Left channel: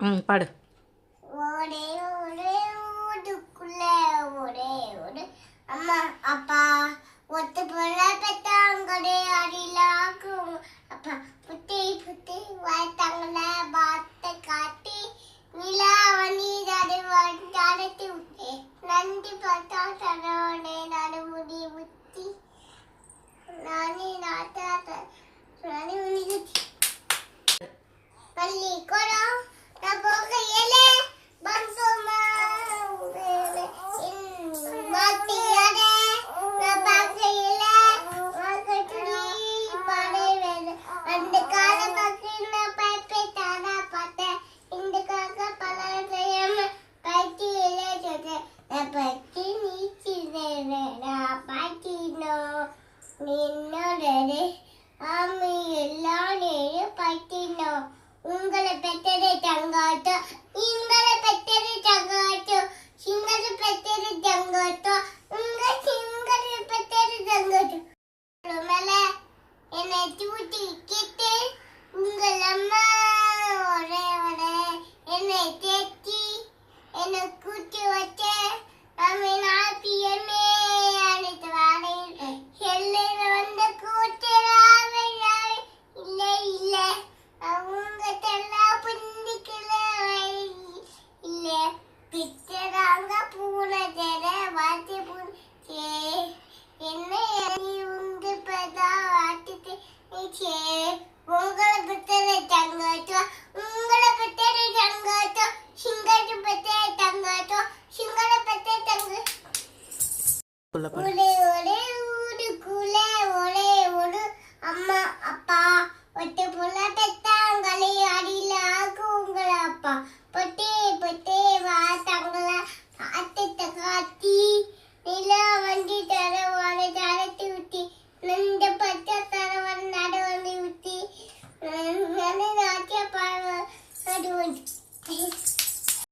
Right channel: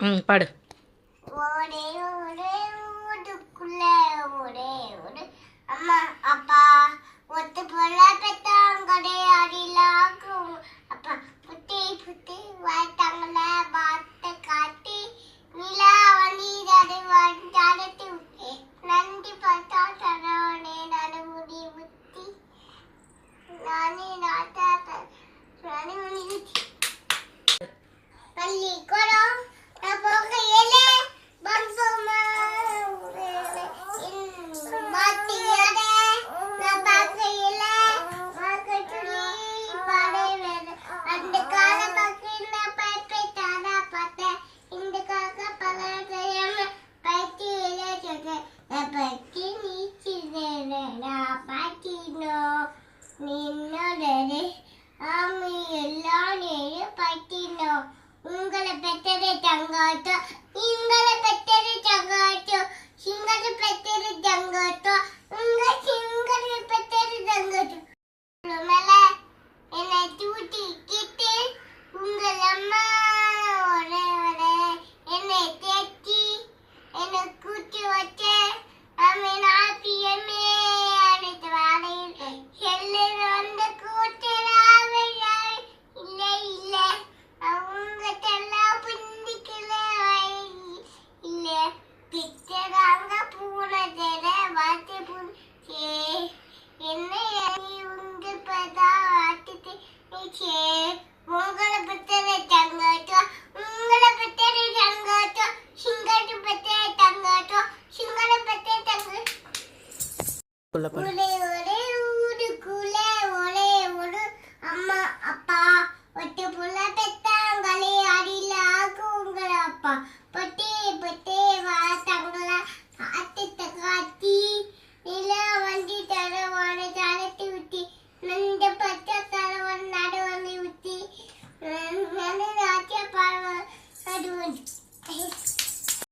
பாடு. ஒரே ஒரே ஊருக்குள்ள ஒரே ஒரு அம்மா அப்பா ஒத்து போல பெத்தாங்கடே அடிலாக்கும் அப்பா புத்தி புத்தி வாய்த்தாங்கள பாத்த காட்டி நிலா வண்டி நடத்தி விட்டே நன்றி பார்த்தா தடவனே நடுமுடி புத்தி நானே நாட்டாட்ட நானே முடி பள்ளி கோடம் உங்களை பெற்றது தங்காட்டோ உங்களை பெற்றது தங்காட்டோ சிங்கத்தை பெற்றது தங்காட்டோ உங்க சிங்கத்தை பெற்றது தங்காட்டோ மேல என்னை தூட்டி கிட்டு உங்கள் அம்மா ஒரே ஒரே என்னை தேத்தி என்னை கூட்டி வச்சு அம்மே நாட்டியமே அனைத்து வாழையில் எல்லோரும் வந்து கூட்டு இல்லை இல்லை அவங்க தெல்லாம் பிண்டிக்கல இல்ல பிச்சராங்க பூனை தெர வாத்தி பூச்சே என்ன உண்டு பதா வாட்டி உங்களை பத்தரை தங்காட்டோ உங்களை பத்தரை தங்காட்டோ சிங்கட்டு பத்தரை தங்காட்டோ சிங்கள பத்தரை தங்க ஒரே ஒரே ஊருக்குள்ள ஒரே ஒரு அம்மா அப்பா ஒட்டு புள்ள பெத்தாங்களே அடிலாக்கு உங்களை அப்பா பொட்டே பொட்டே வாத்தாங்கள பார்த்து காட்டி நிலா வண்டி தரவான தரத்தி விட்டி நந்த பச்சை தரவன் நடு வந்து விட்டி நாட்டிய பாடு